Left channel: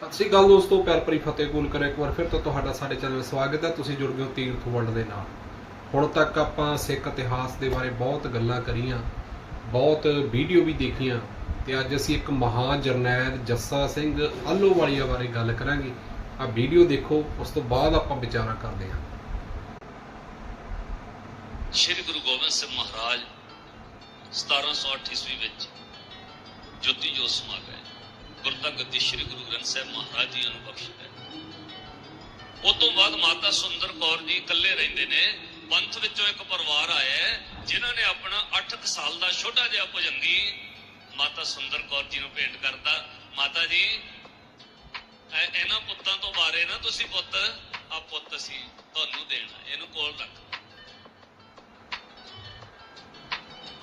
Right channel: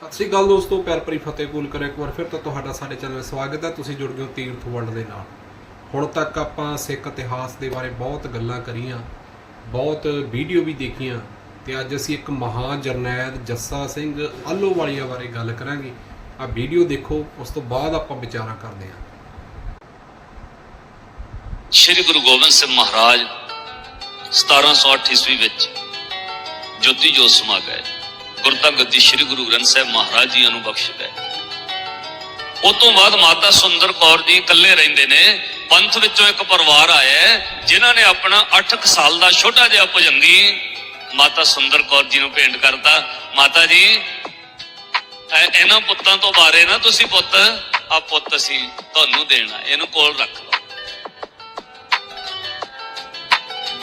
ਸਤਿ ਸ਼੍ਰੀ ਅਕਾਲ ਦੋਸਤੋ, ਪਿਆਰ ਭਰੀ ਫਤਿਹ ਕੂਲ ਕਰ ਇੱਕ ਵਾਰ ਫਿਰ ਤੋਂ ਤੁਹਾਡਾ ਸਾਡੇ ਚੈਨਲ ਸਵਾਗਤ ਹੈ। ਤੁਸੀਂ ਜੁੜ ਗਏ ਹੋ ਤੀਰਥ ਵਰਲਡ ਦੇ ਨਾਲ। ਹੁਣ ਤੱਕ ਆਪਾਂ ਸਿੱਖ ਇਤਿਹਾਸ ਦੇ ਬਾਰੇ ਬਹੁਤ ਗੱਲਾਂ ਕਰੀਆਂ, ਬਹੁਤ ਵੀਡੀਓ ਵੀ ਦੇਖੀਆਂ ਤੇ ਅੱਜ ਅਸੀਂ ਇੱਕ ਮਹਾਨ ਜਰਨੈਲ ਜੱਸਾ ਸਿੰਘ ਆਲੋਵਾਲੀਆ ਬਾਰੇ ਗੱਲ ਕਰਾਂਗੇ। ਆ ਵੀਡੀਓ ਦੇਖੋ, ਉਸ ਤੋਂ ਬਾਅਦ ਆਪਾਂ ਵਿਚਾਰਾਂ ਕਰਦੇ ਹਾਂ। ਸ਼੍ਰੀ ਗੁਰੂ ਗੋਬਿੰਦ ਸਿੰਘ ਮਹਾਰਾਜ 1708 ਈਸਵੀ ਵਿੱਚ ਜੋਤੀ ਜੋਤ ਸਮਾ ਗਏ। ਗੁਰਤਾ ਗੱਦੀ ਸ਼੍ਰੀ ਗੁਰੂ ਗ੍ਰੰਥ ਸਾਹਿਬ ਮਹਾਰਾਜ ਜੀ ਨੂੰ ਬਖਸ਼ ਗਏ। ਉਸ ਤੋਂ ਬਾਅਦ ਮਾਤਾ ਸੁੰਦਰ ਕੌਰ ਜੀ ਇਕੱਲੇ ਰਹਿੰਦੇ ਨੇ। ਪੰਥ ਵਿੱਚੋਂ ਇੱਕ ਪਰਿਵਾਰ ਆਇਆ ਹੈ, ਜਿਨ੍ਹਾਂ ਨੇ ਆਪਣਾ 8 ਸਾਲ ਦਾ ਛੋਟਾ ਜਿਹਾ ਭਜੰਗੀ ਮਾਤਾ ਸੁੰਦਰ ਕੌਰ ਜੀ ਨੂੰ ਭੇਂਟ ਕਰਤਾ। ਮਾਤਾ ਜੀ ਇਹਨਾਂ ਪੁੱਤਾਂ ਤੋਂ ਬਾਰੇ ਨਾ ਤੁਸੀਂ ਪੁੱਤ ਆ ਪੁੱਤ ਅਸੀਂ ਤੁਹਾਨੂੰ ਦੇਣਾ ਇਹਨੂੰ ਕੋਲ ਰੱਖ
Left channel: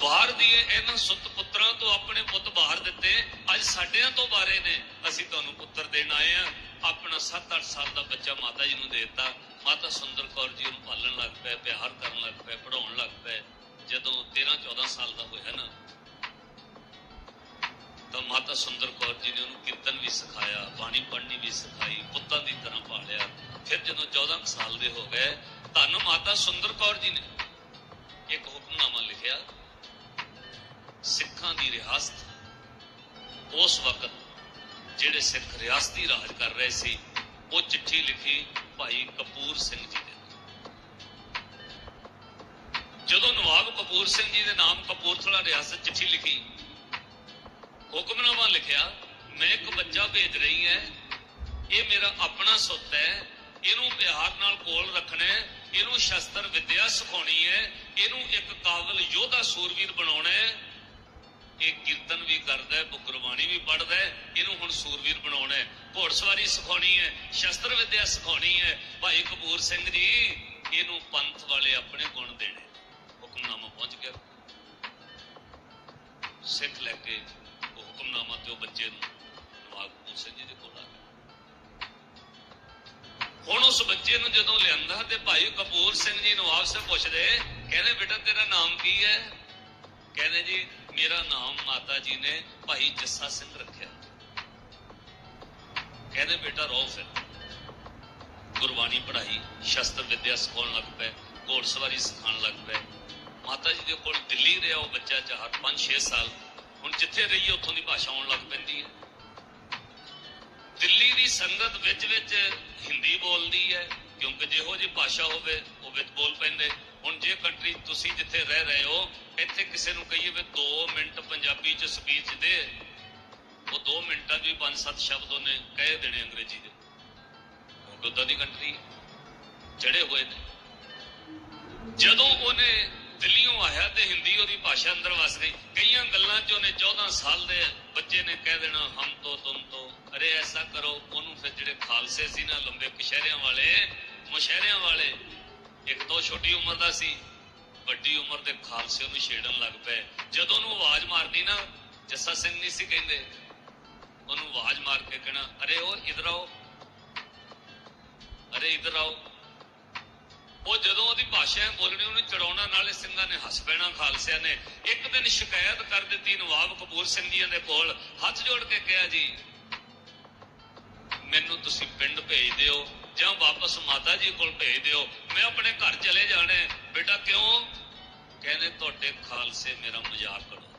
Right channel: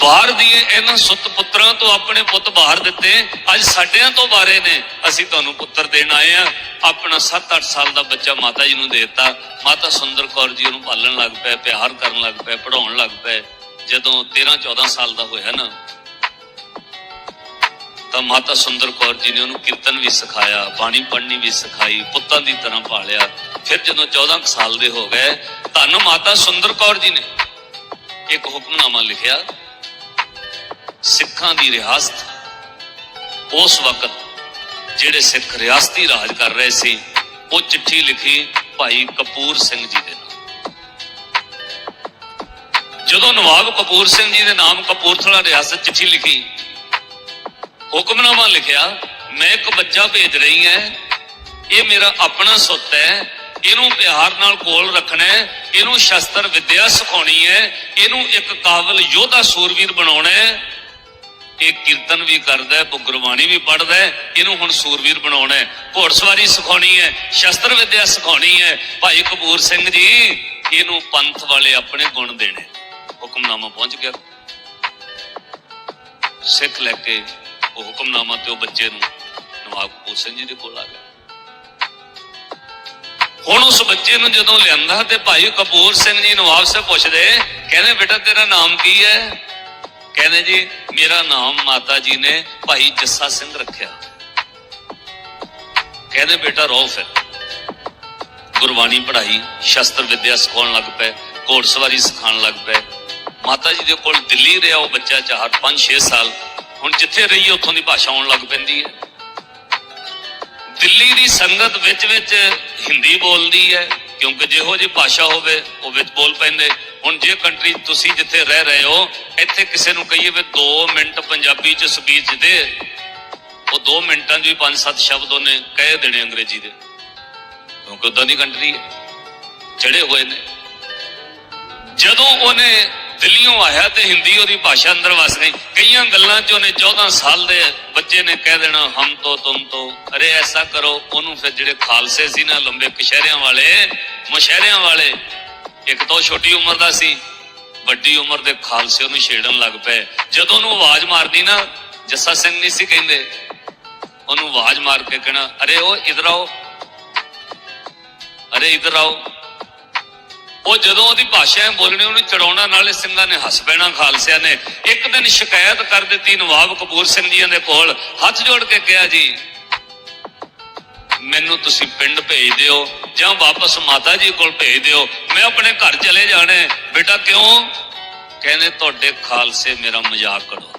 ਬਾਹਰ ਦੀ ਇਹਨਾਂ ਸੁੱਤ ਪੁੱਤਰਾਂ ਤੋਂ ਆਪਣੇ ਪੁੱਤ ਬਾਹਰ ਦਿੱਤੇ। ਅੱਜ ਸਾਡਿਆਂ ਤੋਂ ਬਾਰੇ ਨੇ। ਅਸੀਂ ਤੁਹਾਨੂੰ ਪੁੱਤਰ ਦੇਣ ਆਏ ਆ। ਆਪਣਾ 7-8 ਸਾਲ ਦਾ ਬੱਚਾ ਮਾਤਾ ਜੀ ਨੂੰ ਦੇ ਦਿੱਤਾ। ਮਾਤਾ ਸੁੰਦਰ ਕੌਰ ਜੀ ਉਹਨੂੰ ਪਾਲਣ ਲੱਗ ਪਏ, ਪਿਆਰ ਕਰਨ ਲੱਗ ਪਏ ਪੜਾਉਣ ਲੱਗ ਪਏ। ਜਦੋਂ 13-14 ਸਾਲ ਦਾ ਹੋਇਆ ਨਾ, ਤਾਂ ਮਾਤਾ ਸੁੰਦਰ ਕੌਰ ਜੀ ਨੇ ਉਹਨੂੰ ਕੀਰਤਨ ਵੀ ਸਿਖਾਇਆ, ਬਾਣੀ ਪੜ੍ਹਨੀ ਵੀ ਸਿਖਾਈ, ਪੁੱਤਾਂ ਦੀ ਤਰ੍ਹਾਂ ਪਾਲਿਆ। ਫਿਰ ਜਦੋਂ 14 ਕੁ ਸਾਲ ਦੇ ਹੋ ਗਏ, ਧੰਨ ਮਾਤਾ ਸੁੰਦਰ ਕੌਰ ਜੀ ਨੇ। ਇੱਕ ਹੁਕਮਨਾਮਾ ਲਿਖਿਆ ਸਿੱਖਾਂ ਦੀ ਰਿਆਸਤ ਉਸ ਵਕਤ ਜਿਹੜੇ ਸਿੱਖ ਰਿਆਸਤੀ ਰਾਜ ਕਰ ਰਹੇ ਸੀ, ਉਹ ਚਿੱਠੀ ਲਿਖੀ ਭਾਈ ਕਪੂਰ ਸਿੰਘ ਜੀ ਦੇ ਨਾਮ ਜਦੋਂ ਨਵਾਬ ਕਪੂਰ ਸਿੰਘ ਜੀ ਦੇ ਨਾਮ ਕਪੂਰਥਲਾ ਰਿਆਸਤ ਚਿੱਠੀ ਲਿਖੀ, ਹੁਕਮਨਾਮਾ ਲਿਖਿਆ, ਮੈਂ ਇੱਕ ਬੱਚਾ ਭੇਜ ਰਹੀ ਹਾਂ ਇਹ ਮੇਰਾ ਆਪਣਾ ਸੁੱਤ ਹੈ ਇਹਨੂੰ ਪਿਆਰ ਨਾਲ ਕੋਲ ਰੱਖਣਾ ਹੈ ਇਹਨੂੰ ਸ਼ਸਤਰ ਵਿੱਦਿਆ ਸਿਖਾਉਣੀ ਹੈ ਇਹਨੂੰ ਇੱਕ ਕਾਬਲ ਯੋਧਾ ਸੂਰਵੀਰ ਬਣਾਉਣਾ ਹੈ ਇਹ ਕੀਰਤਨ ਵੀ ਕਰਦਾ ਹੈ ਗੁਰਬਾਣੀ ਵੀ ਪੜ੍ਹਦਾ ਹੈ, ਇਹਨੂੰ ਹੁਣ ਸੂਰਵੀਰ ਬਣਾਉਣਾ ਹੈ। ਘੋੜਸਵਾਰੀ ਸਿਖਾਉਣੀ ਹੈ, ਸ਼ਸਤਰ ਵਿਦਿਆ ਸਿਖਾਉਣੀ ਹੈ। ਭਾਈ ਕਪੂਰ ਸਿੰਘ ਜੀ, ਇਹਨੂੰ ਪੰਥ ਵਾਲੇ ਆਪਣੇ ਗੁਣ ਦੇਣੇ। ਹੁਕਮਨਾਮਾ ਪਹੁੰਚ ਗਿਆ। ਸਿੱਖ ਲੈ ਕੇ ਉਹ ਹੁਕਮਨਾਮਾ ਤੇ ਉਹ ਬੱਚੇ ਨੂੰ ਨਵਾਬ ਕਪੂਰ ਸਿੰਘ ਜੀ ਦੇ ਕੋਲ ਆ ਗਿਆ। ਹੁਣ ਉਸ ਬੱਚੇ ਨੂੰ ਜਦੋਂ ਲਿਆਂਦਾ ਤੇ ਭਾਈ ਕਪੂਰ ਸਿੰਘ ਜੀ ਨਵਾਬ ਸਾਹਿਬ ਪੁੱਛਦੇ, ਕਹਿੰਦੇ, ਬੇਟਾ, ਤੇਰਾ ਨਾਮ ਕੀ ਹੈ? ਕਹਿੰਦੇ ਜੀ, ਮੇਰਾ ਨਾਮ ਮਾਤਾ ਜੀ ਨੇ ਭਾਈ ਜੱਸਾ ਸਿੰਘ ਰੱਖਿਆ। ਕਹਿੰਦੇ ਬੇਟਾ ਰੋ ਫਿਰ ਗੁਰਬਾਣੀ ਪੜ੍ਹਾਈ, ਸ਼ਸਤਰ ਵਿਦਿਆ ਸਿਖਾਉਣ ਲੱਗ ਪਏ, ਘੋੜਸਵਾਰੀ ਸਿਖਾਉਣ ਲੱਗ ਪਏ। ਮਾਤਾ ਜੀ ਦੇ ਕੋਲ ਦਿੱਲੀ ਰਿਹਾ ਉਹ ਬੱਚਾ 4 5 6 ਸਾਲ। ਹੁਣ ਜਿੱਥੇ ਰਹੀ ਉੱਥੋਂ ਦੀ ਭਾਸ਼ਾ ਆਉਣ ਲੱਗ ਪੈਂਦੀ ਹੈ। ਦਿੱਲੀ ਦੀ ਸੰਗਤ ਵਿੱਚ ਵਿੱਚ ਹਿੰਦੀ ਬੋਲਦੀ ਹੈ, ਕਿਉਂਕਿ ਜਿਹੋ ਜਿਹੀ ਭਾਸ਼ਾ ਹੋਵੇ, ਉਹ ਵਿੱਚ ਬੋਲ ਪੈਂਦੇ। ਹੁਣ ਜੇ ਕੰਟਰੀ ਤੁਸੀਂ ਜਿੱਥੇ ਰਹਿ ਰਹੇ ਹੋ, ਇੱਥੇ ਕਿਸੇ ਨੂੰ ਕਹੀਏ ਵੀ 2 ਮਿੰਟ ਪੰਜਾਬੀ ਚ ਸਪੀਚ ਦੇ। ਉਹ 2 ਮਿੰਟਾਂ 'ਚ ਵੀ 5-7 ਸ਼ਬਦ ਉਹਨੇ ਕਹਿ ਦੇਣੇ ਅੰਗਰੇਜ਼ੀ ਦੇ। ਕਿਉਂਕਿ ਉਦਾਂ ਦੀ ਕੰਟਰੀ ਹੈ। ਚੜੇ ਹੋਏ ਨੇ। ਜਦੋਂ ਉਹਨੇ ਦਿੱਲੀੋਂ ਆਇਆ ਤੇ ਹਿੰਦੀ ਉਹਦੀ ਭਾਸ਼ਾ ਅੰਦਰ ਵਸ ਗਈ। ਕਈਆਂ ਗੱਲਾਂ 'ਚ ਉਹਨੇ 14 ਸਾਲ ਦੇ ਬੱਚੇ ਨੇ ਕਹਿ ਦੇਣਾ, ਹਮ ਤੋਂ ਤੁਮ ਤੋਂ। ਅਰੇ ਐਸਾ ਕਰੋ। ਉਹਨੂੰ ਫਿਰ ਜਿਹੜੇ ਖਾਲਸੇ ਸੀ ਨਾ, ਲੰਬੇ ਕਸ਼ਹਿਰਿਆਂ ਵਾਲੇ, ਮੁਸ਼ਹਿਰਿਆਂ ਵਾਲੇ ਇੱਕ ਤਾਂ ਉਹ ਛੋਟੀ ਉਮਰ ਦਾ ਸੀ, ਵੱਡੀ ਉਮਰ ਦੇ ਖਾਲਸੇ ਉਹਨੂੰ ਛੇੜਨ ਲੱਗ ਪਏ। ਜਦੋਂ ਉਹਨੂੰ ਆਵਾਜ਼ ਮਾਰਦੀ ਨਾ, ਜੱਸਾ ਸਿੰਘ ਨਹੀਂ ਸੀ ਕਹਿੰਦੇ, ਉਹਨੂੰ ਆਵਾਜ਼ ਮਾਰ ਕੇ ਕਹਿਣਾ, ਅਰੇ ਉਹ ਇਧਰ ਆਓ, ਅਰੇ ਇਧਰ ਆਓ। ਉਹ ਜਦੋਂ ਉਹਦੀ ਭਾਸ਼ਾ ਬੋਲਣੀ, ਉਹਨੂੰ ਚੜਾਉਣਾ, ਨਾਲੇ ਸਿੰਘਾਂ ਨੇ ਹੱਸ ਪੈਣਾ, ਖਾਲਸਿਆਂ ਨੇ। ਇੱਕ ਦਿਨ ਸ਼ਿਕਾਇਤ ਕਰ ਦਿੱਤੀ ਨਵਾਬ ਕਪੂਰ ਸਿੰਘ ਜੀਆਂ ਦੇ ਕੋਲ, ਹੱਥ ਜੋੜ ਕੇ ਕਿਹਾ ਜੀ ਮੈਨੂੰ ਤੁਸੀਂ ਪਿੰਡ ਭੇਜ ਦਿਓ ਜਾਂ ਵਾਪਸ ਮਾਤਾ ਜੀ ਕੋਲ ਭੇਜ ਦਿਓ। ਮੈਂ ਆਪਣੇ ਘਰ ਚਲੇ ਜਾਣਾ ਬੇਟਾ ਕਿਉਂ? ਕਹਿੰਦੇ, ਤੁਹਾਡੇ ਖਾਲਸੇ ਮੇਰਾ ਮਜ਼ਾਕ ਉਡਾਉਂਦੇ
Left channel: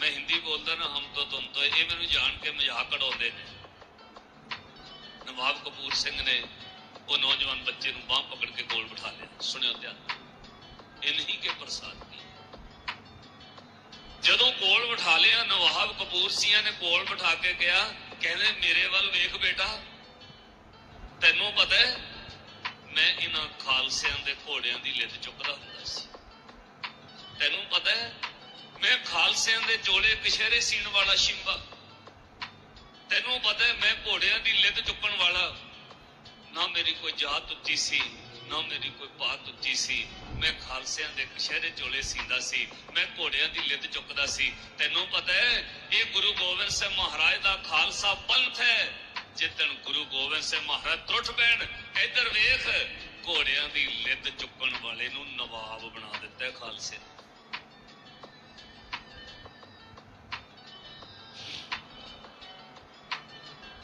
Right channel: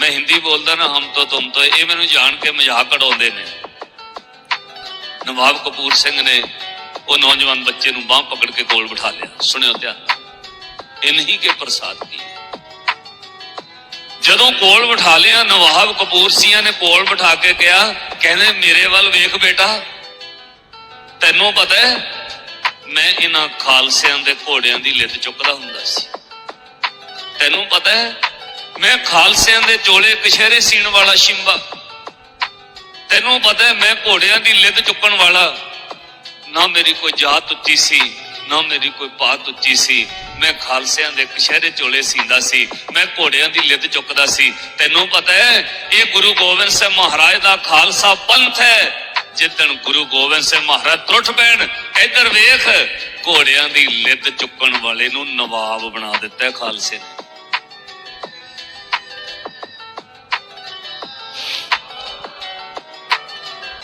ਮੈਂ ਹਿੰਦੀ ਬੋਲਦਾ ਨਾ, ਹਮ ਤੋਂ ਤੁਮ ਤੋਂ, ਇਹ ਮੈਨੂੰ ਜਾਣ ਕੇ ਮਜ਼ਾਕ ਉਡਾਉਂਦੇ ਨੇ। ਨਵਾਬ ਕਪੂਰ ਸਿੰਘ ਨੇ ਉਹ ਨੌਜਵਾਨ ਬੱਚੇ ਨੂੰ ਬਾਹ ਪਕੜ ਕੇ ਕੋਲ ਬਿਠਾ ਲਿਆ। ਸੁਣਿਓ ਧਿਆਨ ਇਨਹੀ ਕੇ ਪ੍ਰਸਾਦ ਕੀ ਜਦੋਂ ਕੋਲ ਬਿਠਾ ਲਿਆ, ਨਵਾਬ ਕਪੂਰ ਸਿੰਘਾਂ ਨੇ ਕੋਲ ਬਿਠਾ ਕੇ ਕਿਹਾ, ਕਹਿੰਦੇ, ਮੇਰੇ ਵੱਲ ਵੇਖ ਬੇਟਾ। ਤੈਨੂੰ ਪਤਾ ਹੈ, ਮੈਂ ਇਹਨਾਂ ਖਾਲਸਿਆਂ ਦੇ ਘੋੜਿਆਂ ਦੀ ਲਿੱਤ ਚੁੱਕਦਾ ਹੁੰਦਾ ਸੀ। ਤੈਨੂੰ ਪਤਾ ਹੈ, ਮੈਂ ਖਾਲਸਿਆਂ ਦੇ ਚੋਲੇ ਕਸ਼ਹਿਰੇ ਸੀਣ ਵਾਲਾ ਸ਼ਿੰਬਾ। ਤੈਨੂੰ ਪਤਾ ਹੈ, ਮੈਂ ਘੋੜਿਆਂ ਦੀ ਲਿੱਤ ਚੁੱਕਣ ਵਾਲਾ। ਨਾ ਮੇਰੀ ਕੋਈ ਜਾਤ ਉੱਚੀ ਸੀ ਨਾ ਮੇਰੀ ਕੋਈ ਪਾਤ ਉੱਚੀ ਸੀ। ਮੈਂ ਖਾਲਸਿਆਂ ਦੇ ਕਸ਼ਹਿਰੇ ਚੋਲੇ ਸੀਂਦਾ ਸੀ। ਮੈਂ ਘੋੜਿਆਂ ਦੀ ਲਿੱਦ ਚੁੱਕਦਾ ਸੀ। ਤੈਨੂੰ ਪਤਾ ਹੈ, ਇਹ ਗੁਰੂ ਗੋਬਿੰਦ ਸਿੰਘ ਮਹਾਰਾਜ ਦਾ ਖਾਲਸਾ ਪੰਥ ਹੈ। ਜਿੱਦਣ ਗੁਰੂ ਗੋਬਿੰਦ ਸਿੰਘ ਮਹਾਰਾਜ ਟੁੱਟ ਪੈਣ, ਇੱਧਰ ਵੇਖ, ਘੋੜਿਆਂ ਦੀ ਲਿੱਦ ਚੁੱਕਣ ਵਾਲੇ ਨੂੰ ਨਵਾਬ ਬਣਾ ਦਿੱਤਾ ਖਾਲਸੇ ਨੇ।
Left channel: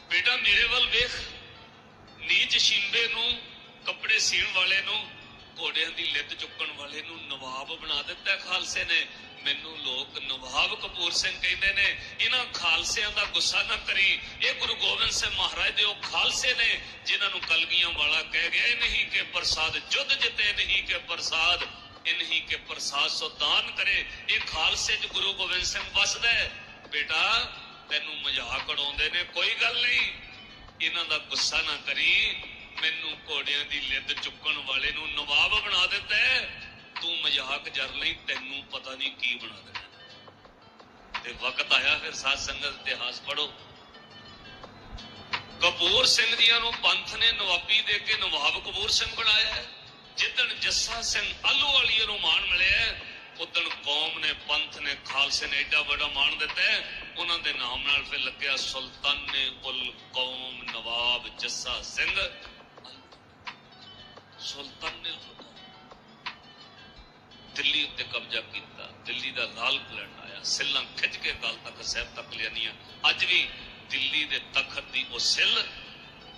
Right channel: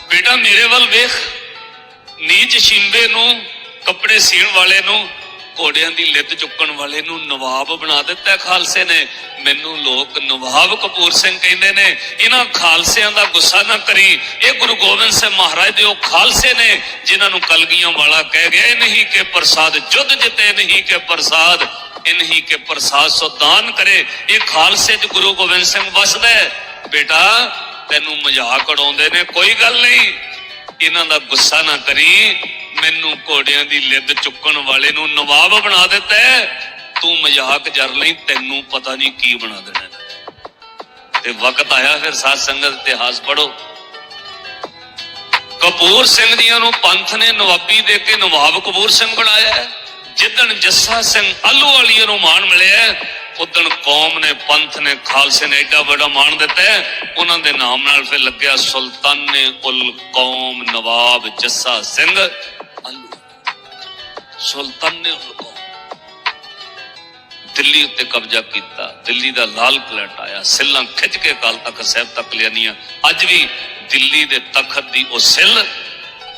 ਬੇਟਾ ਮੇਰੇ ਵੱਲ ਵੇਖ, ਨੀਚ ਸ਼ਿੰਬੇ ਨੂੰ ਕੱਪੜੇ ਸੀਣ ਵਾਲੇ ਨੂੰ, ਘੋੜਿਆਂ ਦੀ ਲਿੱਤ ਚੁੱਕਣ ਵਾਲੇ ਨੂੰ ਨਵਾਬ ਬਣਾ ਦਿੱਤਾ ਖਾਲਸੇ ਨੇ। ਮੈਨੂੰ ਲੋਕ ਨਵਾਬ ਕਪੂਰ ਸਿੰਘ ਕਹਿੰਦੇ ਨੇ ਇਹਨਾਂ ਖਾਲਸਿਆਂ ਦਾ ਗੁੱਸਾ ਨਾ ਕਰੀ। ਇਹ ਗੁਰੂ ਗੋਬਿੰਦ ਸਿੰਘ ਮਹਾਰਾਜ ਦੇ ਉਹ ਖਾਲਸੇ ਨੇ, ਜਿਨ੍ਹਾਂ ਨੂੰ ਕਲਗੀਆਂ ਵਾਲਾ ਕਹਿ ਗਿਆ, ਇਹ ਨਹੀਂ ਕਿ ਪ੍ਰਸਾਦ ਜੁੱਧ ਜਿੱਤੇ ਨਹੀਂ ਕਿ ਪ੍ਰਸਾਦ, ਇਹ ਨਹੀਂ ਪ੍ਰਸਾਦ ਸੋ ਦਾਨ ਕਰੇ। ਇਹ ਖਾਲਸੇ 'ਚ ਗੁਰੂ ਗੋਬਿੰਦ ਸਿੰਘ ਵਸਦਾ ਬੇਟਾ, ਤੈਨੂੰ ਮਜ਼ਾਕ ਉਡਾਉਂਦੇ ਨੇ, ਕੋਈ ਗੱਲ ਨਹੀਂ। ਇਹਨਾਂ ਦਾ ਗੁੱਸਾ ਨਾ ਕਰੀ। ਮੈਨੂੰ ਘੋੜਿਆਂ ਦੀ ਲਿੱਦ ਚੁੱਕਣ ਵਾਲੇ ਨੂੰ ਨਵਾਬ ਬਣਾ ਦਿੱਤਾ ਤੂੰ ਮਜ਼ਾਕ ਜਰ ਲਈ, ਤੈਨੂੰ ਪਤਾ ਨਹੀਂ ਕੀ ਬਣਾ ਦੇਣਾ। ਤੇ ਵਕਤ ਆਇਆ ਫਿਰ ਸਾਧ ਸੰਗਤ ਇਤਿਹਾਸ ਪੜੋ ਕਪੂਰ ਸਿੰਘ ਜੀਆਂ ਨੂੰ ਪੰਥ ਨੇ ਨਵਾਬੀ ਦੇ ਕੇ ਨਵਾਬ ਕਪੂਰ ਸਿੰਘ ਬਣਾਇਆ ਜਿੱਦਣ ਜੱਸਾ ਸਿੰਘ ਆਲੂ ਵਾਲੀਆਂ ਨੂੰ ਮਾਣ ਮਿਲਿਆ ਉਦਣ ਕੌਮ ਨੇ ਪੰਥ ਨੇ ਖਾਲਸੇ ਨੇ ਐਡਾ ਵੱਡਾ ਮਾਣ ਦਿੱਤਾ ਉਹਨਾਂ ਦੇ ਨਾਮ ਨਾਲ ਫਿਰ ਲੱਗਿਆ ਸੁਲਤਾਨੇ ਉਲ ਕੌਮ ਨਵਾਬ ਜੱਸਾ ਸਿੰਘ। ਸੁਲਤਾਨ ਨੇ ਦਿੱਲੀ ਉੱਤੇ ਕਬਜ਼ਾ ਕੀਤਾ। ਦਿੱਲੀ ਦਾ ਲਾਲ ਕਿਲ੍ਹਾ ਆਇਆ। ਸਿੱਲਾਂ ਖਿੱਚ ਕੇ ਕਾਲ ਤਖਤ ਸਾਹਿਬ ਤੱਕ ਲਿਆਨੀਆਂ ਅੱਜ ਵੀ ਦਿੱਲੀ ਦੇ ਤਖਤ ਦੀ ਉਹ ਸਿੱਲ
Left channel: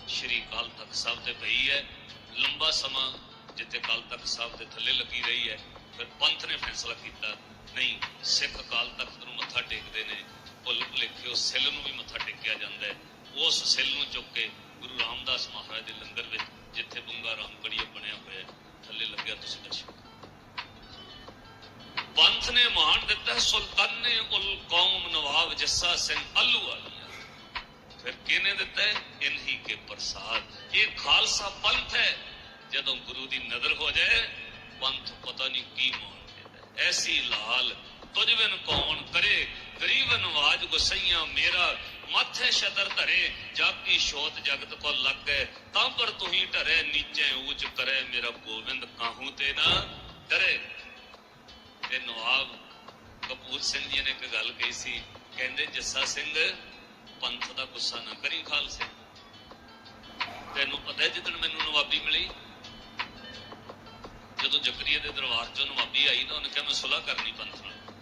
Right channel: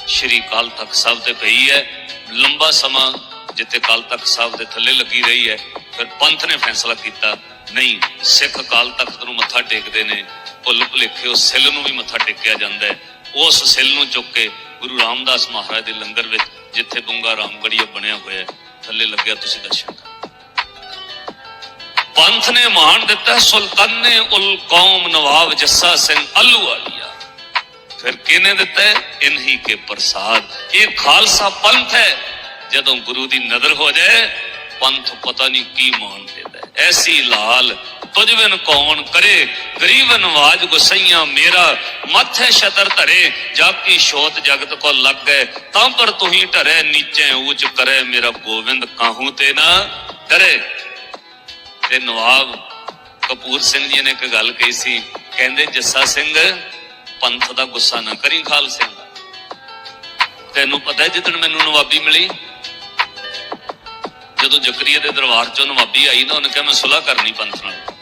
ਸ਼੍ਰੀ ਕਾਲ ਤਖਤ ਸਾਹਿਬ ਤੇ ਪਈ ਹੈ। ਲੰਬਾ ਸਮਾਂ ਜਿੱਥੇ ਕਾਲ ਤਖਤ ਸਾਹਿਬ ਦੇ ਥੱਲੇ ਲੱਗੀ ਰਹੀ ਹੈ। ਫਿਰ ਪੰਥ ਨੇ ਫੈਸਲਾ ਕੀਤਾ, ਨਹੀਂ, ਸਿੱਖ ਕਾਲ ਤਖਤ ਨੂੰ ਮੱਥਾ ਟੇਕਦੇ ਨੇ। ਭੁੱਲ ਭੁਲੇਖੇ ਉਸ ਸਿੱਲ ਨੂੰ ਵੀ ਮੱਥਾ ਟੇਕਿਆ ਜਾਂਦਾ ਹੈ। ਉਸ ਸਿੱਲ ਨੂੰ ਚੁੱਕ ਕੇ ਗੁਰੂ ਰਾਮਦਾਸ ਮਹਾਰਾਜ ਦੇ ਲੰਗਰ ਵਿੱਚ, ਜਿੱਥੇ ਬੁੰਗਾ ਰਾਮਗੜੀਆ ਬਣਿਆ ਹੋਇਆ ਹੈ, ਥੱਲੇ ਲੱਗਿਆ ਤੁਸੀਂ ਦਰਸ਼ਨ ਪੰਥ ਨੇ ਮਾਣ ਦਿੱਤਾ, ਸੁਲਤਾਨੇ ਉਲ ਕੌਮ ਨਵਾਬ ਜੱਸਾ ਸਿੰਘ ਅੱਲੂ ਵਾਲੀਆ ਫਿਰ ਕਿਹਨੇ ਦਿੱਤਾ ਇਨਹੀ ਕੇ ਪ੍ਰਸਾਦ। ਇਹ ਖਾਲਸਾ ਪੰਥ ਹੈ। ਜਦੋਂ ਗੁਰੂ ਦੀ ਨਜ਼ਰ ਹੋ ਜਾਏ, ਪੰਥ ਪਤਾ ਨਹੀਂ ਕੀ ਮਾਣ ਦਿੰਦਾ ਐਸੀ ਲਾਲ ਤੁਝ ਬਿਨ ਕੌਣ ਕਰੇ ਗਰੀਬ ਨਵਾਜ ਗੁਸਈਆਂ ਮੇਰਾ, ਮੱਥੇ ਛਤਰ ਧਰੇ ਜਾ ਕੀ ਸ਼ੋਤ ਜਗਤ ਕੋ ਲੱਗ, ਤਾਂ ਪਰ ਤੁਹੀ ਢਰੇ ਨੀਚੇ ਊਚ ਕਰੇ, ਮੇਰਾ ਗੋਬਿੰਦ ਕਾਹੂ ਤੇ ਨਾ ਡਰੇ ਤੇ ਨਵਾਬ ਕਪੂਰ ਸਿੰਘ ਜੀ ਨੇ ਇੱਕ ਗੱਲ ਕਹੀ ਸੀ, ਕਹਿੰਦੇ ਜੱਸਾ ਸਿੰਘ, ਪੰਥ ਦਾ ਗੁੱਸਾ ਨਾ ਕਰੀ ਖਾਲਸੇ। ਦਾ ਤੈਨੂੰ ਪਤਾ ਜਿੱਦਣ ਮੈਨੂੰ ਨਵਾਬੀ ਮਿਲੀ? ਜਦੋਂ ਜ਼ਕਰੀਆ ਦੇ ਦਰਬਾਰ ਚੋਂ ਨਵਾਬੀ ਆਈ ਨਾ, ਉਹਨੇ ਕਿਹਾ ਮੈਂ ਸੁਲ੍ਹਾ ਕਰਨੀ ਪੰਥ ਨਾਲ।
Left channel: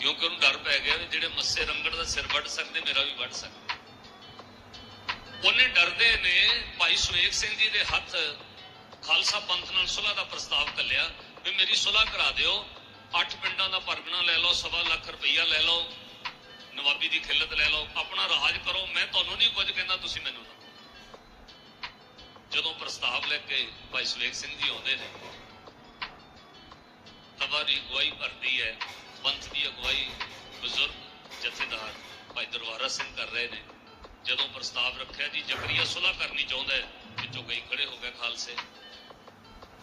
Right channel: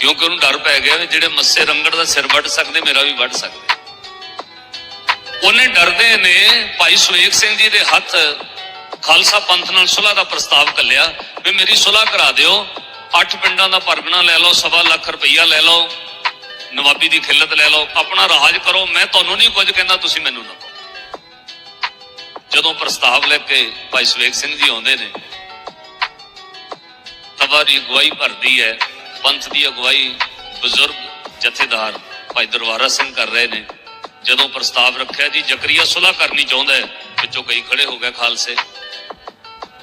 ਕਿਉਂਕਿ ਉਹਨੂੰ ਡਰ ਪੈ ਗਿਆ ਵੀ ਜਿਹੜੇ ਮੱਸੇ ਰੰਗੜ ਦਾ ਸਿਰ ਵੱਢ ਸਕਦੇ, ਮੇਰਾ ਵੀ ਵੱਢ ਸਕਦੇ। ਉਹਨੇ ਡਰਦੇ ਨੇ ਭਾਈ ਸੁਵੇਕ ਸਿੰਘ ਜੀ ਦੇ ਹੱਥ ਖਾਲਸਾ ਪੰਥ ਨਾਲ ਸੁਲ੍ਹਾ ਦਾ ਪ੍ਰਸਤਾਵ ਕੱਲਿਆ ਵੀ ਮੇਰੀ ਸੁਲ੍ਹਾ ਕਰਾ ਦਿਓ, ਅੱਠ ਪਿੰਡਾਂ ਦਾ ਪਰਗਣਾ ਲੈ ਲਓ, ਸਵਾ ਲੱਖ ਰੁਪਈਆ ਲੈ ਲਓ, ਨਵਾਬੀ ਦੀ ਖਿੱਲਤ ਲੈ ਲਓ, ਆਪਣਾ ਰਾਜ ਕਰੋ, ਮੈਂ ਤੁਹਾਨੂੰ ਨਹੀਂ ਕੁਝ ਕਹਿੰਦਾ, ਤੁਸੀਂ ਮੈਨੂੰ ਨਾ ਜਦੋਂ ਪ੍ਰਸਤਾਵ ਲੈ ਕੇ ਭਾਈ ਸੁਵੇਕ ਸਿੰਘ ਜੀ ਆਉਂਦੇ ਨੇ ਸਭਾ ਦੀ ਅਗਵਾਈ ਭਰਦੀ ਹੈ ਪੰਥ ਦੀ ਅਗਵਾਈ ਬਜ਼ੁਰਗ ਜਥੇਦਾਰ ਭਾਈ ਦਰਬਾਰਾ ਸਿੰਘ ਕਰ ਰਹੇ ਨੇ। ਜਦੋਂ ਪ੍ਰਸਤਾਵ ਰੱਖਿਆ ਜੀ, ਜ਼ਕਰੀਆ ਸੁਲ੍ਹਾ ਕਰਨੀ ਚਾਹੁੰਦਾ ਹੈ, ਵਿੱਚੋਂ ਕਈ ਖੜੇ ਹੋ ਗਏ ਖਾਲਸੇ।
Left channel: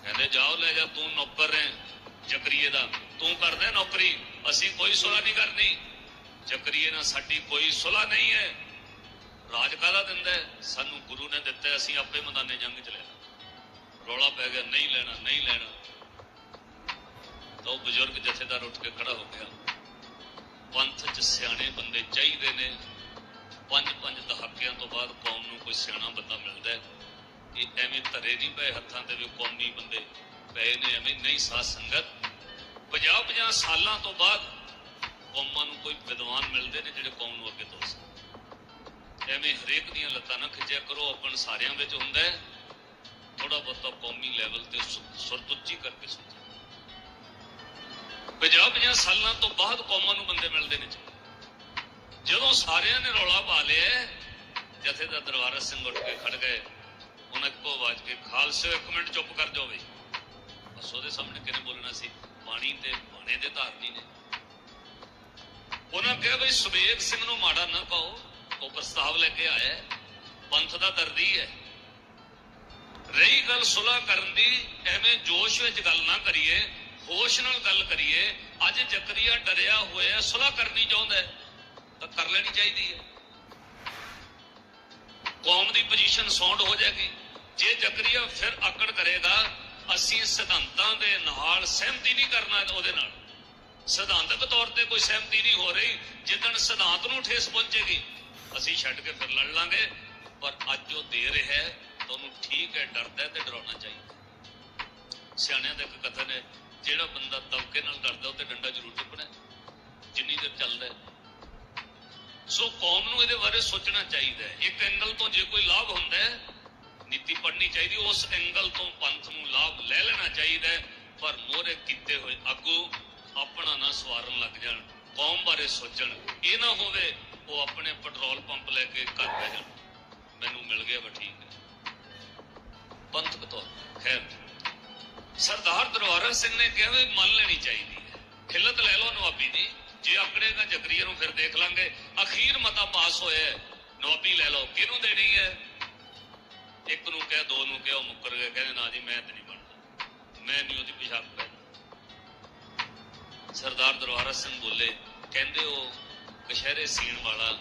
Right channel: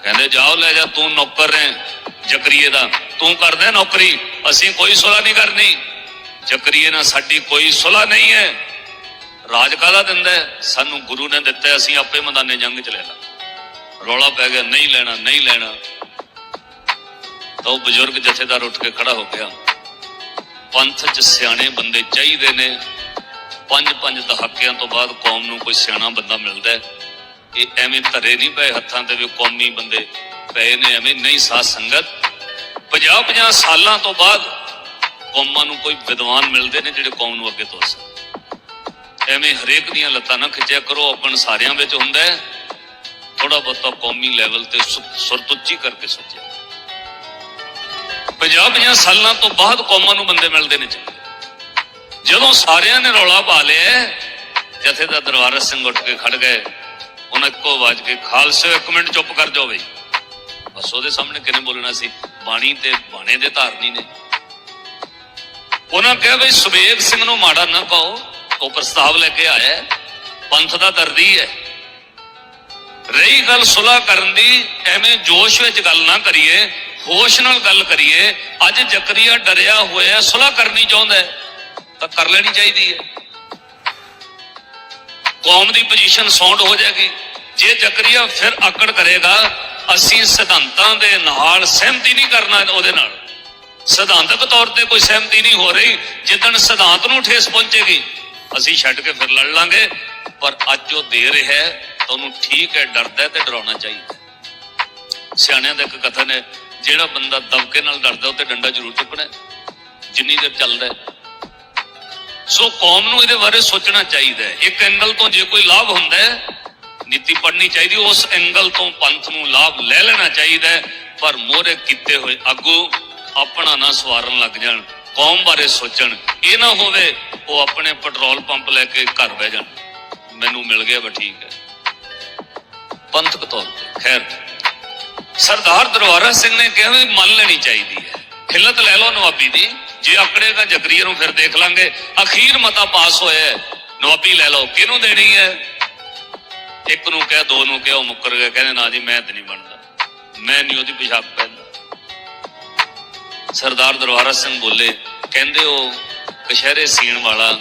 ਕਹਿੰਦੇ, ਜਾਓ ਲੈ ਜਾ, ਤੂੰ ਨੌਕਰ ਹੈ ਜ਼ਕਰੀਏ ਦਾ। ਤੂੰ ਕਰਦਾ ਨੌਕਰੀ, ਅਸੀਂ ਕੋਈ ਸੁਲ੍ਹਾ ਨਹੀਂ ਕਰਨੀ। ਜ਼ਕਰੀਏ ਨਾਲ ਸਾਡੀ ਕੋਈ ਸੁਲ੍ਹਾ ਨਹੀਂ ਹੈ। ਰਾਜ ਕਾਹਦਾ ਦਿੰਦਾ ਸਾਨੂੰ ਗੁਰੂ ਨੇ ਦਿੱਤਾ ਅਸੀਂ ਆਪੇ ਮੈਦਾਨੇ ਜੰਗ ਚ ਲੈ ਲਾ। ਰੌਲਾ ਪੈ ਗਿਆ, ਨਹੀਂ ਲੈਣਾ ਨਹੀਂ ਲੈਣਾ। ਤਾਂ ਉਹ ਬਜ਼ੁਰਗ ਜਥੇਦਾਰ ਉੱਠ ਕੇ ਖੜਾ ਹੋ ਗਿਆ। ਪੰਥ ਚ ਸਿਆਣੇ ਬੰਦੇ ਚਾਹੀਦੇ ਨੇ। ਪੰਜ ਪੰਜ ਦਹਾਕਿਆਂ ਤੋਂ ਬਾਅਦ ਕੌਮ ਨੂੰ ਕੋਈ ਸਿਆਣਾ ਬੰਦਾ ਮਿਲਦਾ ਹੈ। ਇਹ ਐਵੇਂ ਧਰੇ ਨਹੀਂ ਪਏ ਹੱਥਾਂ ਤੇ ਵੀ ਕੌਮੀ ਬੰਦੇ ਪਏ ਨੇ, ਐਵੇਂ ਨਹੀਂ ਸਾਧ ਸੰਗਤ। 50 50 ਸਾਲਾਂ ਤੋਂ ਬਾਅਦ ਕੌਮਾਂ ਨੂੰ ਕੋਈ ਵਿਦਵਾਨ ਮਿਲਦੇ ਨੇ ਜਿਹੜੇ ਕੌਮ ਨੂੰ ਅੱਗੇ ਤੋਰ ਸਕਣ ਐਵੇਂ ਹਰੇਕ ਦੀਆਂ ਲੱਤਾਂ ਨਾ ਖਿੱਚਿਆ ਕਰੋ ਆਪਣ ਸਾਰਿਆਂ ਵਿੱਚ ਹੁੰਦਾ ਹੈ। ਥੋੜਾ ਬਹੁਤਾ ਕੌਮੀ ਲੈਵਲ ਤੇ ਸੁ- ਸੁਰਤ ਉੱਚੀ ਕਰਕੇ ਸੋਚਿਆ। 50 50 ਸਾਲਾਂ ਤੋਂ ਬਾਅਦ ਕੌਮਾਂ ਨੂੰ ਬੰਦੇ ਮਿਲਦੇ ਨੇ ਜਦੋਂ ਸਾਰਿਆਂ ਨੇ ਰੌਲਾ ਪਾ ਲਿਆ ਜਥੇ ਦਾ ਦਰਬਾਰਾ ਸਿੰਘ ਉੱਠ ਕੇ ਖੜ ਗਏ। ਉਹਨਾਂ ਇੱਕੋ ਆਵਾਜ਼ ਕੇ ਖਾਲਸੇ, ਇੱਕ ਮਿੰਟ ਚੁੱਪ ਕਰ ਜਾਓ ਬਈ। ਬਸ ਉਹਦੇ ਸਾਹਮਣੇ ਕਿਹਨੇ ਬੋਲਣਾ ਸੀ? ਬਾਣੀ ਤੇ ਬਾਣੇ ਦੇ ਧਾਰਨੀ ਨੇ। ਉਹਨਾਂ ਕਿਹਾ ਬਈ ਸੁਬੇਗ ਸਿੰਘ ਨੂੰ ਮਾੜਾ ਨਾ ਕਹੋ। ਉਹ ਪ੍ਰਸਤਾਵ ਲੈ ਕੇ ਆਇਆ ਪੰਥ ਦਾ ਦਰਦੀ ਹੈ। ਰਹੀ ਗੱਲ ਸੁਲ੍ਹਾ ਕਰਨ ਦੀ, ਐਵੇਂ ਜੋਸ਼ ਵਿੱਚ ਗੱਲ ਨਾ ਕਰੀਏ। ਹੋਸ਼ ਨਾਲ ਗੱਲ ਕਰੀਏ, ਅੱਜ ਜ਼ਕਰੀਆ ਡਰਿਆ ਹੋਇਆ, ਸੁਲ੍ਹਾ ਕਰਨੀ ਚਾਹੁੰਦਾ ਹੈ, ਤਾਂ ਕਰ ਲੈਣੀ ਚਾਹੀਦੀ ਹੈ। ਕੌਮ ਦੀ ਪੋਜੀਸ਼ਨ ਸੌਂਡ ਹੋ ਜਾਏਗੀ। ਜੇ ਜ਼ਕਰੀਆ ਫਿਰ ਆਕੜ ਕਰੇਗਾ, ਅਸੀਂ ਸਿਧਾਂਤਾਂ ਦੇ ਨਾਲ ਸਹਿਮਤੀ ਨਹੀਂ ਕਰਨਾ ਉਹਦੇ ਨਾਲ। ਸਿਧਾਂਤਕ ਤੌਰ ਤੇ ਕੋਈ ਸਹਿਮਤੀ ਨਹੀਂ ਹੋ ਰਹੀ, ਜਿੱਦਣ ਸਿਧਾਂਤ ਨੂੰ ਠੇਸ ਪਹੁੰਚੇਗੀ, ਅਸੀਂ ਛੱਡ ਕੇ ਫਿਰ ਲੜ ਲਾਂਗੇ। ਪਰ ਅੱਜ ਉਹ ਦੇ ਰਿਹਾ ਹੈ, ਤਾਂ ਉਹਨੂੰ ਠੀਕ ਹੈ, ਡਰਦਾ ਤੇ ਡਰਾਉਣਾ ਚਾਹੀਦਾ ਸਿਆਣਿਆਂ ਦਾ ਇੱਕ ਕਥਨ ਹੈ ਜਿਹੜਾ ਬੰਦਾ ਦਬਕੇ ਨਾਲ ਡਰਦਾ, ਉਹ ਤੇ ਡੰਡਾ ਜ਼ਰੂਰ ਚੁੱਕਣਾ ਜਿੰਨੀ ਦੇਰ ਚੱਲਦਾ ਸੋ ਕੌਮ ਨੂੰ ਇਹਦੇ ਬਾਰੇ ਸੋਚਣਾ ਚਾਹੀਦਾ ਹੈ। ਇੱਕ ਐਂਗਲ ਤੋਂ ਜੇ ਕੋਈ ਲਾਭ ਹੁੰਦਾ ਹੈ, ਨੀਤੀ ਪੜ੍ਹਨੀ ਚਾਹੀਦੀ, ਉਸ ਐਂਗਲ ਤੋਂ ਪੰਥ ਨੂੰ ਲਾਭ ਲੈ ਲੈਣਾ ਚਾਹੀਦਾ ਹੈ, ਪਰ ਮੋਹਰੇ ਕੀਤੇ ਹੋਏ ਆਗੂ ਆਪਣਾ ਨਾ ਸਵਾਰਨ ਲੱਗ ਜਾਣ, ਕੌਮ ਬਾਰੇ ਸੋਚਣ। ਇਹ ਨਾ ਹੋਵੇ ਉਹ ਆਪਣੇ ਪੈਟਰੋਲ ਪੰਪ ਲੈ ਕੇ ਘਰ ਬਹਿ ਜਾਣ। ਮੈਨੂੰ ਮਿਲ ਗਿਆ ਬਾ ਠੀਕ ਹੈ। ਪੰਥਕ ਤੌਰ ਤੇ, ਖੈਰ। ਸਰਦਾਰ ਦਰਬਾਰਾ ਸਿੰਘ ਨੇ ਕਿਹਾ ਵੀ ਮੰਨ ਲੈਣੀ ਚਾਹੀਦੀ ਹੈ। ਖਿਲਤ ਲੈ ਲਓ ਨਵਾਬੀ ਦੀ। ਜੇ ਆਕੜੇਗਾ ਜਗਰੀਏ ਨੂੰ ਫਿਰ ਦੇਖ ਲਾਂਗੇ। ਅਖੀਰ ਮਤਾ ਪਾਸ ਹੋਇਆ ਹੈ, ਨਵਾਬੀ ਲੈ ਲਓ ਕਿਹਨੂੰ ਦੇਣੀ ਹੈ? ਇੱਕ ਨੂੰ ਕਹਿ ਦੋ ਨੂੰ ਕਿਹਾ ਉਹ ਮੁੱਕਰ ਗਿਆ। ਕਹਿੰਦੇ ਨਾ ਜੀ ਮੈਂ ਤੇ ਨਹੀਂ ਬਣਦਾ। ਮੈਂ ਨਹੀਂ ਉਹਦੀ ਪਿਸ਼ਾਬ ਪੈਂਦਾ ਸਰਦਾਰ ਦਰਬਾਰਾ ਸਿੰਘ ਬੋਲੇ ਕਹਿੰਦੇ ਉਹ ਕਸ਼ਹਿਰੇ ਸੀਣ ਵਾਲਾ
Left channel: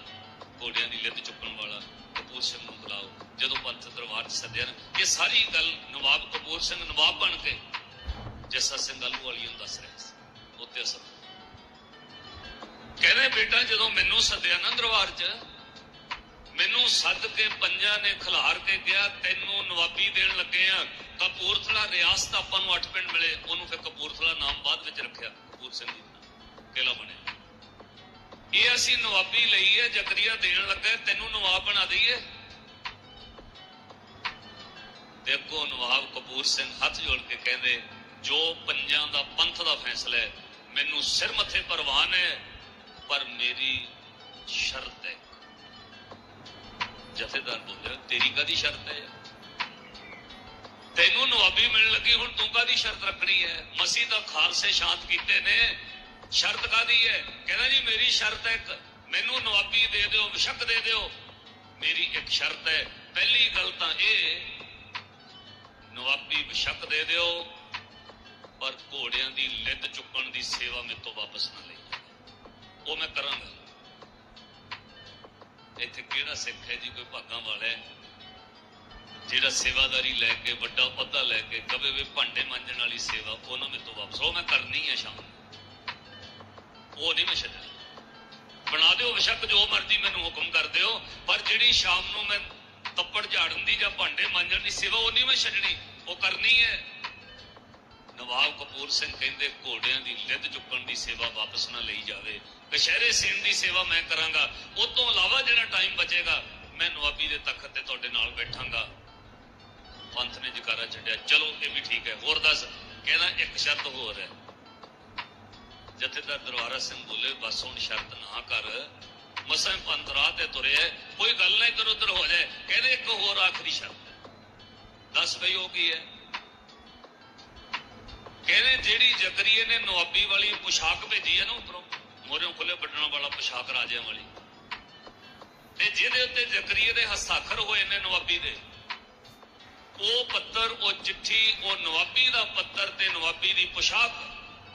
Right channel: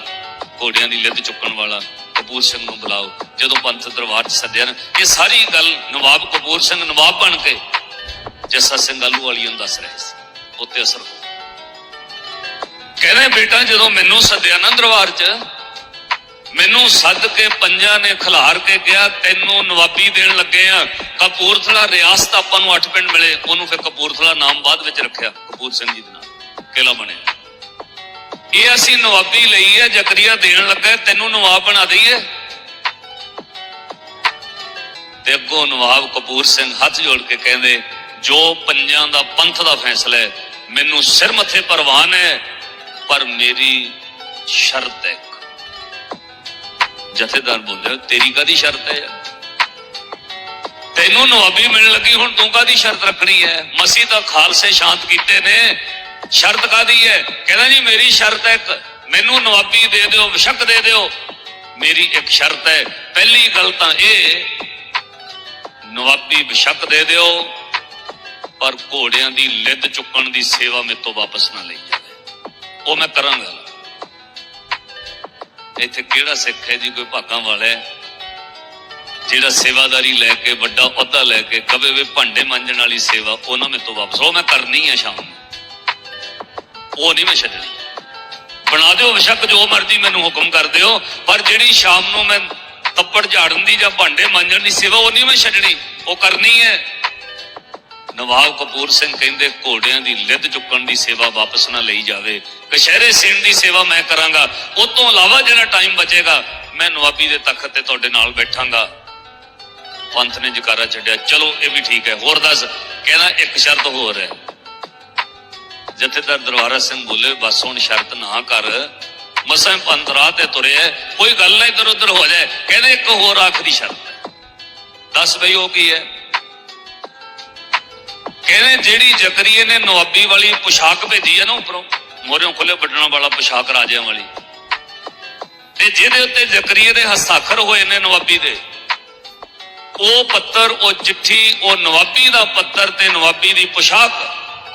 ਘੋੜਿਆਂ ਦੀ ਲਿੱਦ ਚੁੱਕਣ ਵਾਲਾ ਕਪੂਰ ਸਿੰਘ ਨੂੰ ਬੁਲਾਓ। ਜਦੋਂ ਪੰਥ ਦਰਬਾਰ 'ਚ ਸੱਦਿਆ ਨਾ, ਇਹ ਸਾਰੀ ਗੱਲ ਨਵਾਬ ਕਪੂਰ ਸਿੰਘ, ਨਵਾਬ ਬਣ ਕੇ ਜੱਸਾ ਸਿੰਘ ਆਲੂ ਵਾਲੀ ਨੂੰ ਦੱਸ ਰਿਹਾ ਸੀ। ਉੱਤੇ ਅਸਰ ਕਹਿੰਦੇ, ਬੇਟਾ, ਜਦੋਂ ਮੈਨੂੰ ਸੱਦਿਆ ਨਾ ਦਰਬਾਰ 'ਚ, ਮੈਨੂੰ ਸੱਦ ਕੇ ਪੰਜਾਂ ਨੇ ਖਿਲਾਰ ਕੇ ਕਿਹਾ, ਤੈਨੂੰ ਨਵਾਬੀ ਦੇਣ ਲੱਗੇ ਆ। ਕਪੂਰਥਲਾ ਰਿਆਸਤ ਆਪਾਂ ਨੂੰ ਅੱਠ ਪਿੰਡ ਮਿਲੇ। ਉਹਨੂੰ ਫਿਰ ਕਪੂਰਥਲਾ ਨਾਮ ਬਾਅਦ ਵਿੱਚ ਰੱਖਿਆ। ਕਪੂਰ ਸਿੰਘ ਜੀ ਦਾ ਨਾਮ ਕਿਲਾ ਬਣਿਆ। ਇਹ ਅਸੀਂ ਨਵਾਬੀ ਲਈ ਹੈ ਜ਼ਕਰੀਆ ਦੇਣ ਲੱਗਾ ਤੈਨੂੰ ਨਵਾਬ ਬਣਾ ਦਈਏ। ਤੇ ਅੱਗੋਂ ਨਵਾਬ ਕਪੂਰ ਸਿੰਘ ਹੱਥ ਜੋੜ ਕੇ ਕਹਿੰਦੇ, ਜੋ ਪੰਜਾਂ ਦਾ ਪੰਥ ਦਾ ਫੈਸਲਾ ਹੈ, ਮੈਨੂੰ ਸਿਰ ਮੱਥੇ ਪਰਵਾਨ ਹੈ, ਪਰ ਮੇਰੀ ਸ਼ਰਤ ਹੈ ਇੱਕ। ਜਥੇਦਾਰ ਬੋਲਿਆ ਤੇਰੀ ਕਾਦੀ ਸ਼ਰਤ ਹੈ? ਤੈਨੂੰ ਨਵਾਬੀ ਮਿਲਣ ਲੱਗੀ, ਹੁਣ ਤੂੰ ਕਾਦੀ ਸ਼ਰਤ ਰੱਖਣੀ ਹੈ? ਮਸੀਹ ਦਾ ਖਾਲਸੇ ਸ਼ਾਂਤ ਕੀਤੇ ਨੇ ਸ਼ਰਤ ਕਾਦੀ ਹੈ? ਕਹਿੰਦਾ ਜੀ, ਮੇਰੀ ਸ਼ਰਤ ਹੈ ਇੱਕ, ਮੈਨੂੰ ਨਵਾਬੀ ਦੇ ਦਿਓ ਵਿਸ਼ਕ ਦੇ ਦਿਓ। ਮੇਰੀ ਇੱਕ ਸ਼ਰਤ ਹੈ। ਪਹਿਲੀ ਗੱਲ ਤਾਂ ਇਹ, ਨਵਾਬੀ ਵਿਸ਼ਕ ਦੇ ਦਿਓ, ਪਰ ਘੋੜਿਆਂ ਦੀ ਲਿੱਦ ਚੁੱਕਣ ਦੀ ਸੇਵਾ ਮੇਰੇ ਤੋਂ ਵਾਪਸ ਨਾ ਲਈ ਜਾਵੇ। ਉਹ ਮੈਂ ਕਰਾਂਗਾ। ਇੱਥੇ ਕਿਹੜਾ ਸਿੱਖ ਹੈ ਜੀ, ਕੋਈ ਭਾਗਾਂ ਵਾਲਾ ਹੈ? ਜਿਹੜਾ ਸੇਵਾਦਾਰੀ ਲੈ ਕੇ, ਵੱਡਾ ਅਹੁਦਾ ਲੈ ਕੇ, ਕਵੇ ਵੀ ਭਾਂਡੇ ਮਾਂਜਣ ਵਾਲੀ ਸੇਵਾ, ਉਹਨਾਂ ਮੇਰੇ ਤੋਂ ਵਾਪਸ। ਉਹ ਮੈਂ ਕਰਨੀ ਹੈ ਸ਼ਾਮ ਨੂੰ। ਉਹ ਨਹੀਂ ਮੈਂ ਛੱਡਣੀ। ਬਣਾ ਦਿਓ ਬੇਸ਼ੱਕ, ਜੋ ਮਰਜ਼ੀ ਮੈਨੂੰ ਹੁਕਮ ਕਰ ਦਿਓ, ਪਰ ਜਿਹੜੀ ਸ਼ਾਮ ਨੂੰ ਮੈਂ ਤੱਪੜ ਝਾੜਨ ਦੀ ਜਾਂ ਭਾਂਡੇ ਮਾਂਜਣ ਦੀ ਸੇਵਾ, ਉਹ ਨਹੀਂ ਮੈਂ ਛੱਡਣੀ। ਉਹ ਕਰਨੀ ਹੈ। ਨਵਾਬ ਕਪੂਰ ਸਿੰਘ ਕਹਿੰਦੇ, ਘੋੜਿਆਂ ਦੀ ਲਿੱਦ ਚੁੱਕਣ ਦੀ ਸੇਵਾ ਵਾਪਸ ਨਾ ਲਈ ਜਾਵੇ। ਕਸ਼ਹਿਰੇ ਸੇਣ ਦੀ ਸੇਵਾ ਮੈਂ ਕਰਾਂਗਾ। ਉਸ ਤੋਂ ਇਲਾਵਾ ਜਿਹੜਾ ਟਾਈਮ ਬਚੇਗਾ, ਮੈਂ ਨਵਾਬੀ ਦੇ ਤਖਤ ਤੇ ਤੁਹਾਡੇ ਨਾਲ ਬੈਠਾਂਗਾ। ਪੰਥ ਨੇ ਜਕਾਰਾ ਛੱਡਿਆ। ਚਲੋ, ਇਹ ਵੀ ਠੀਕ ਹੈ। ਹੋਰ ਦੱਸ ਕਹਿੰਦਾ ਇੱਕ ਸ਼ਰਤ ਹੋਰ ਹੈ। ਜਥੇਦਾਰ ਦਰਬਾਰਾ ਸਿੰਘ ਬੋਲੇ, ਬਸ ਹੁਣ ਸ਼ਰਤ ਨਾ ਕਰ। ਮਸਾਂ ਪੰਥ ਰਾਹ ਤੇ ਤੁਰਿਆ ਕੋਈ ਗੱਲ ਨਾ ਇਧਰ ਉਧਰ ਹੋ ਜਾਏ। ਕਹਿੰਦੇ ਇੱਕ ਹੋਰ ਆਖਰੀ ਸ਼ਰਤ ਹੈ ਦੱਸ ਬਈ ਉਹ ਕੀ ਹੈ ਕਹਿੰਦੇ ਜਿਹੜੀ ਜ਼ਕਰੀਏ ਨੇ ਨਵਾਬੀ ਵਾਲੀ ਪੁਸ਼ਾਕ ਭੇਜੀ ਹੈ ਨਾ ਉੱਪਰੋਂ ਮੋਰਿਓਂ ਖੁੱਲੇ ਵੱਡਣਾ ਵਾਲਾ ਪੁਸ਼ਾਕ ਰਾਜਿਆਂ ਵਾਲੀ। ਤੇ ਜਿਹਦੇ ਉੱਤੇ ਜ਼ਕਰੀਏ ਦੇ ਹਸਤਾਖਰ ਹੋਏ ਨੇ ਨਵਾਬੀ ਦੇ, ਉਹ ਪੱਤਰ, ਉਹ ਚਿੱਠੀ, ਉਹ ਨਵਾਬੀ ਦਾ ਪੱਤਰ ਤੇ ਨਵਾਬੀ ਦੀ ਪੁਸ਼ਾਕ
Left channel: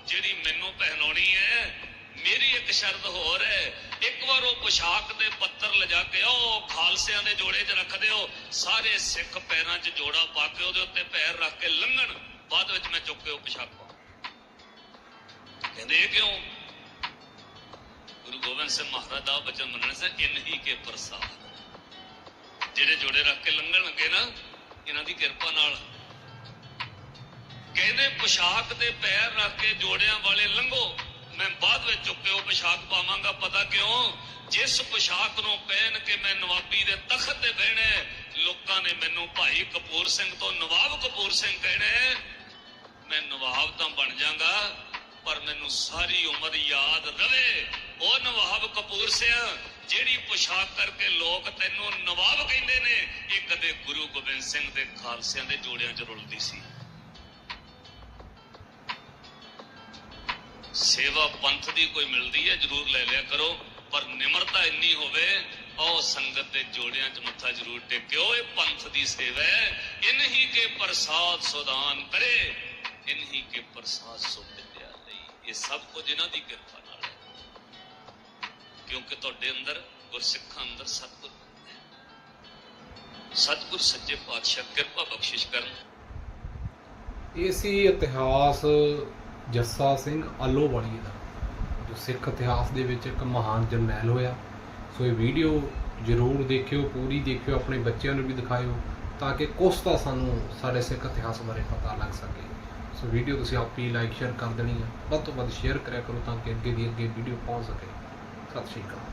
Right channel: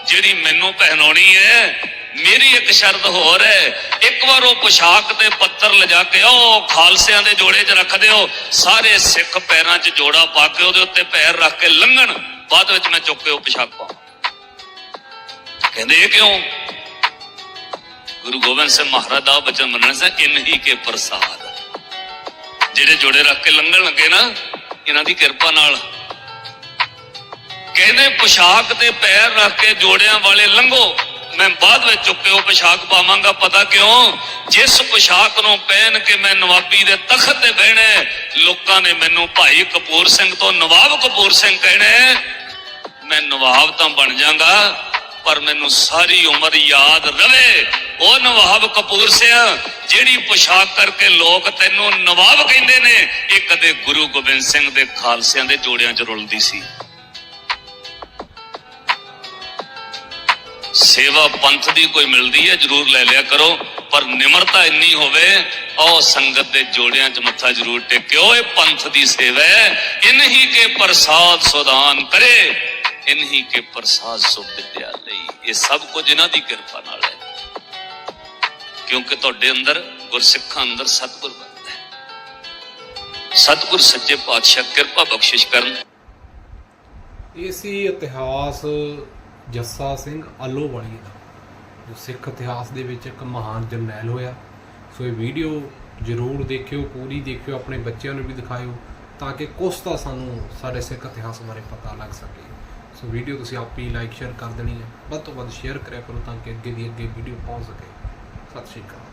ਜਿਹੜੀ ਮੈਨੂੰ ਪਹਿਨਾਉਣੀ ਹੈ, ਮੇਰੀ ਇੱਕ ਸ਼ਰਤ ਹੋਰ ਹੈ। ਇੱਕ ਵਾਰ ਉਹ ਪੁਸ਼ਾਕ ਤੇ ਪੱਤਰ ਲਿਜਾ ਕੇ ਉਹ ਖਾਲਸਿਆਂ ਦੇ ਜੋੜੇ 'ਚ ਰੱਖ ਦਿਓ, ਸਾਰੇ ਸਿੱਖ ਪੈਰਾਂ 'ਚ ਜੋੜਾ ਪਾ ਕੇ ਉਹਦੇ ਉੱਤੇ ਪੈਰ ਰੱਖ ਕੇ ਲੰਘਣ, ਬਾਅਦ ਵਿੱਚ ਮੈਂ ਚੁੱਕ ਕੇ ਉਹ ਪੁਸ਼ਾਕ ਪਾਵਾਂ। ਕਹਿੰਦੇ ਕਿਉਂ? ਗੁਰੂ ਗੋਬਿੰਦ ਸਿੰਘ ਮਹਾਰਾਜ ਦਾ ਬਚਨ ਮੰਨਣ ਸੇ ਇਨਹੀ ਕੇ ਪ੍ਰਸਾਦ। ਜਿਹੜੇ ਜੋੜੇ ਰੱਖ ਕੇ ਲੰਘਣ ਲੱਗੇ ਨਾ, ਇਹਨਾਂ ਦੀ ਕਿਰਪਾ ਨਾਲ ਕਹਿੰਦੇ ਪੁਸ਼ਾਕ ਤੇ ਪੈਰ ਰੱਖ ਕੇ ਜੋੜਿਆਂ ਵਾਲੇ ਲੰਘੋ। ਮੈਂ ਬਾਅਦ ਵਿੱਚ ਚੁੱਕੇ ਉਹ ਪੁਸ਼ਾਕ ਪਾਵਾਂਗਾ, ਪਤਾ ਕਿਉਂ? ਜਿਸ ਪੁਸ਼ਾਕ ਨੂੰ ਪਹਿਨ ਕੇ ਮੈਂ ਨਵਾਬੀ ਦੇ ਤਖਤ ਤੇ ਬਹਿਣਾ ਲੋਕਾਂ ਨੇ ਮੈਨੂੰ ਭਾਈ ਕਪੂਰ ਸਿੰਘ ਤੋਂ ਨਵਾਬ ਕਪੂਰ ਸਿੰਘ ਕਹਿਣਾ ਮੈਂ ਨਵਾਬ ਤਾਂ ਬਣ ਜਾਗਾ, ਪਰ ਮੈਨੂੰ ਸਾਰੀ ਉਮਰ ਯਾਦ ਰਵੇ। ਉਹ ਨਵਾਬ ਕਪੂਰ ਸਿੰਘ, ਜਿਹੜੀ ਪੁਸ਼ਾਕ ਕਰਕੇ ਲੋਕ ਤੈਨੂੰ ਨਵਾਬ ਕਹਿੰਦੇ ਨੇ, ਇਹ ਕਦੇ ਗੁਰੂ ਗੋਬਿੰਦ ਸਿੰਘ ਦੇ ਖਾਲਸਿਆਂ ਦੇ ਜੋੜਿਆਂ 'ਚ ਰੁਲਦੀ ਸੀ। ਸੇਵਾ ਪੰਥ ਦੀ ਕੋਈ ਮਿਲਦੀ ਹੈ, ਜਰੂਰ ਲੈ ਲਿਆ ਕਰੋ। ਪਰ ਨਿਮਰਤਾ ਇੰਨੀ ਹੋਵੇ, ਉਹ ਸੰਗਤ ਦੇ ਜੋੜਿਆਂ 'ਚ ਮੱਥਾ ਜਰੂਰ ਟੇਕਿਓ। ਇਹ ਪੰਥ ਦੀ ਸੇਵਾ ਹੈ। ਇਨਹੀ ਕੇ ਪ੍ਰਸਾਦ ਸੁਦਾਨ ਕਰੇ। ਇਨਹੀ ਕੇ ਪ੍ਰਸਾਦ ਸੁ ਵਿਦਿਆ ਲਈ। ਇਹ ਸਭ ਕੁਝ ਇਹਨਾਂ ਦੀ ਕਿਰਪਾ ਨਾਲ ਹੈ। ਕਿਉਂਕਿ ਤੁਹਾਡੇ ਅੰਦਰ ਗੁਰਸਿੱਖਾਂ ਅੰਦਰ ਸਤਿਗੁਰ ਬਣਦਾ ਹੈ। ਸਤਿਗੁਰ ਸੱਚੇ ਪਾਤਸ਼ਾਹ ਕਿਰਪਾ ਬਖਸ਼ਿਸ਼ ਕਰਨ। ਇਹ ਸੀ ਇਤਿਹਾਸ ਜੱਸਾ ਸਿੰਘ ਆਲੋਵਾਲੀ ਦਾ ਜੋ ਸਿੱਖ ਇਤਿਹਾਸ ਦੇ ਵਿੱਚ ਇੱਕ ਮਹਾਨ ਜਰਨੈਲ ਹੋਇਆ। ਸੋ ਇਹ ਵੀਡੀਓ ਜ਼ਰੂਰ ਦੇਖਿਓ, ਪੂਰੀ ਦੇਖਿਓ, ਆਪਣੇ ਬੱਚਿਆਂ ਨੂੰ ਵੀ ਦਿਖਾਇਓ, ਤਾਂ ਕਿ ਕੁਛ ਤਾਂ ਸਾਨੂੰ ਸਾਡੇ ਸਿੱਖ ਇਤਿਹਾਸ ਬਾਰੇ ਪਤਾ ਲੱਗ ਸਕੇ। ਸੋ ਵੀਡੀਓ ਤੁਸੀਂ ਆਪੀ ਲਾਈਕ ਸ਼ੇਅਰ ਕਰ ਦੇਣੀ ਹੈ। ਵੱਧ ਤੋਂ ਵੱਧ ਸ਼ੇਅਰ ਕਰਿਆ ਕਰੋ ਤਾਂ ਕਿ ਅੱਗੇ ਦੀ ਅੱਗੇ ਵੀਡੀਓ ਪਹੁੰਚ ਸਕੇ। ਸਤਿ ਸ਼੍ਰੀ ਅਕਾਲ।